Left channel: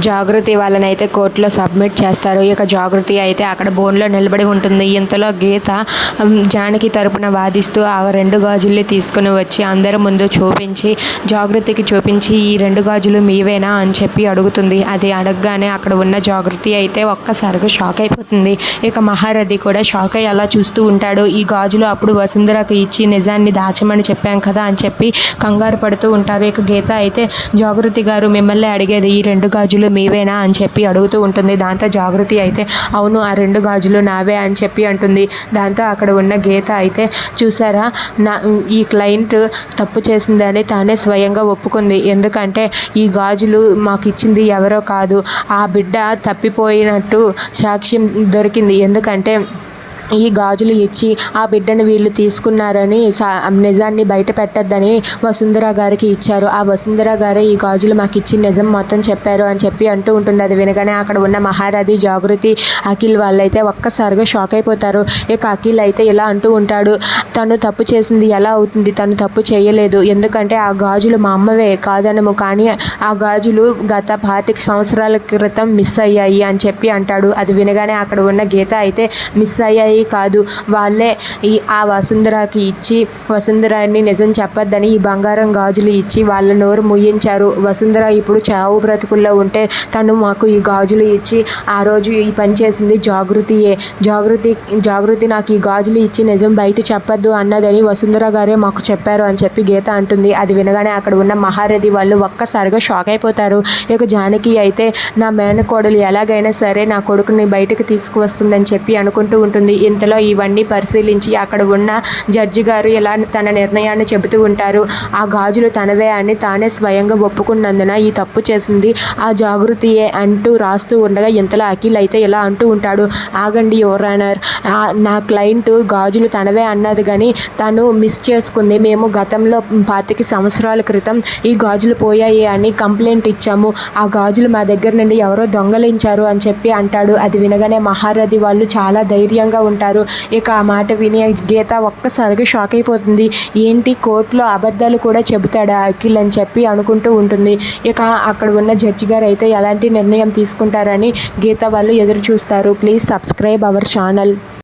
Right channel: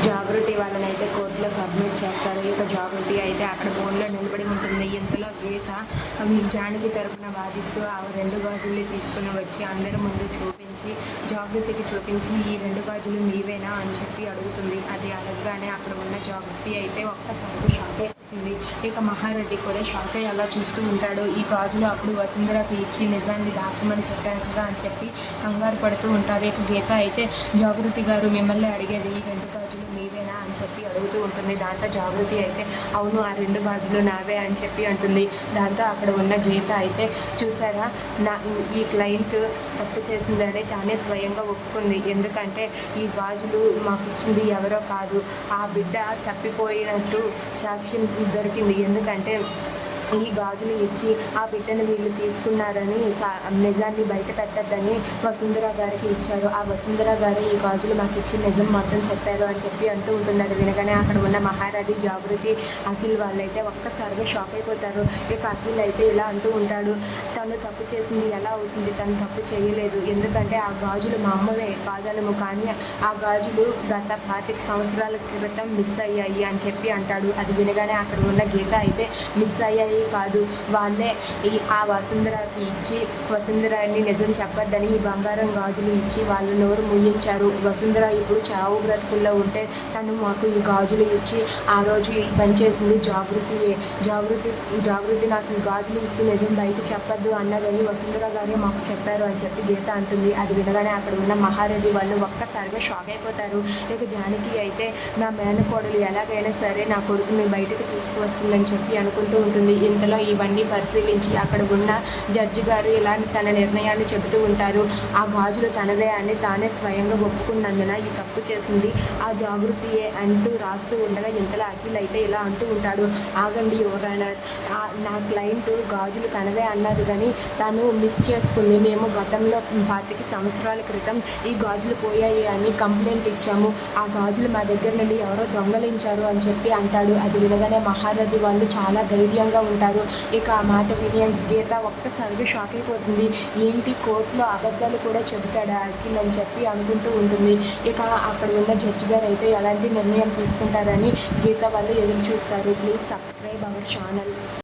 జాగృతి వాళ్ళని అయితే కోర్టులో సబ్మిట్ చేస్తారు. ఇక జాగృతి అయితే అక్కడ బోన్లో నిలబడి ఉంటుంది. ఇంతలో గీత జానకి తరపున వాదిస్తూ ఆ రెండు గాజుల్ని తీసుకుని వచ్చి అందరి ముందు చూపించి జాగృతికి చూపించి ఈ రెండు గాజులు మీవేనా? అని చెప్పి అడుగుతుంది. అది అడగగానే అక్కడ ఉన్న జాగృతి అయితే ఒక్కసారిగా షాక్ అయిపోతుంది. ఇక మహారథి కూడా షాక్ అయ్యి అలా చూస్తూ ఉంటాడు. ఈ గాజులు అప్పుడు వసుంధరకు ఇచ్చి నిజాన్ని దాచమని చెప్పాం కదా అని చెప్పి కంగారు పడుతూ ఉంటారు. ఇక గీత అయితే జాగృతి గారు మిమ్మల్ని అడిగేది ఈ రెండు గాజులు మీవేనా అని చెప్పి అడుగుతూ ఉంటుంది. దాంతో జాగృతి అయితే అవును ఆ రెండు గాజులు నావే అని చెప్పి అంటుంది. దాంతో అక్కడ ఉన్న గీత అయితే చూసారా? నా ఈ క్లయింట్ తప్పు చేసిందని తానే స్వయంగా ఒప్పుకుంది. ఎందుకంటే ఈ గాజులు మాకు ఇచ్చింది ఎవరో కాదు. ఆ బిడ్డ తప్పిపోయినట్టు సాక్ష్యం దొరికింది. ఎందుకంటే ఈ గాజులు ఇచ్చి ఆ బిడ్డను వీళ్ళు తీసుకున్నారని నిజాన్ని బయట పెట్టద్దని వసుంధర గారికి ఇచ్చారు. ఆ వసుంధర గారే ఈ గాజులు మాకు ఇచ్చి నిజం మొత్తం చెప్పారు అని చెప్పి అంటూ ఉంటుంది. అది వినగానే అక్కడ ఉన్న మహారాధి జాగృతి అఖిల్ వాళ్ళైతే ఒక్కసారిగా షాక్ అయిపోతారు. ఇక అఖిల్ అయితే ఇలా అంటూ ఉంటాడు తను తప్పు చేసింది ఎలా అవుతుంది? తను తప్పు చేయలేదు. ఎందుకంటే ఆ గాజులు మా అమ్మవే కాదనము. కానీ ఆ గాజులు గత పాతిక సంవత్సరాల క్రితం మిస్ అయ్యాయి అని చెప్పి అంటాడు. అది వినగానే అక్కడ ఉన్న గీత అయితే మిస్ అయ్యాయి. కాదు. వాళ్ళే ఈ ఆ వసుంధరాకి ఇచ్చి వసుంధరాన్ని నిజం చెప్పొద్దని ఈ బంగారం గాజులు ఇచ్చి వాళ్ళ నోరు ముయించారు. వసుంధర ఇప్పుడు చావు బ్రతుకుల్లో ఉంటే తను మాకు ఈ గాజులు ఇచ్చి ఆ రోజు ఈ పని చేసింది జాగృతియే. జాగృతి జాగృతి నాకు ఈ గాజులు ఇచ్చి నిజం బయట చెప్పొద్దు అన్నదని వసుంధర గారే మాకు చెప్పారు అని చెప్పి గీత అంటుంది. అది వినగానే అక్కడ ఉన్న మహారథి వాళ్ళు ఒక్కసారిగా షాక్ అయిపోతారు. ఇక జానకి అయితే నా మేనకోడలు ఎలాగైనా సరే నా కొడుకుని బయటకు తీసుకువస్తుందని చెప్పి అనుకుంటూ ఉంటుంది. ఇంతలో ఇవన్నీ పరిశీలించి అక్కడ ఉన్న జడ్జి గారు ఇలా తన నిర్ణయాన్ని చెబుతూ ఉంటారు. ఆ గాజులు తనవే అని తానే స్వయంగా ఒప్పుకున్నందున ఈ తప్పు చేసింది. ఆ జాగృతియే అంటూ రాస్తూ ఉండగా ఇంతలో అఖిల్ అయితే ఇలా అంటూ ఉంటాడు. ఆగండి యువరానర్ నా క్లయింట్ గాజులు తనవే అన్నది కానీ తను మిస్ చేసుకుంది. మేము గతంలో పాతిక సంవత్సరాల క్రితం ఈ గాజులు పోయాయి అని కంప్లైంట్ ఇచ్చాము. ఆ గాజులు మా దగ్గర నుండి ఎవరో దొంగలించారు అని చెప్పి అంటాడు. అది వినగానే మహారథి వాళ్ళు చాలా ధైర్యంగా ఉంటారు. ఇక ఆ మాట విని గీత ఒక్కసారిగా షాక్ అయిపోతుంది. ఏంటి కోర్టులో అబద్ధాలు కూడా చెబుతాడా అఖిల్ అని చెప్పి అనుకుంటూ ఉంటుంది. ఇక అక్కడ ఉన్న జడ్జి గారు అయితే ఎలాంటి నిర్ణయం తీసుకుంటారని గీత వాళ్ళు ఎదురు చూస్తారు. Please subscribe our channel.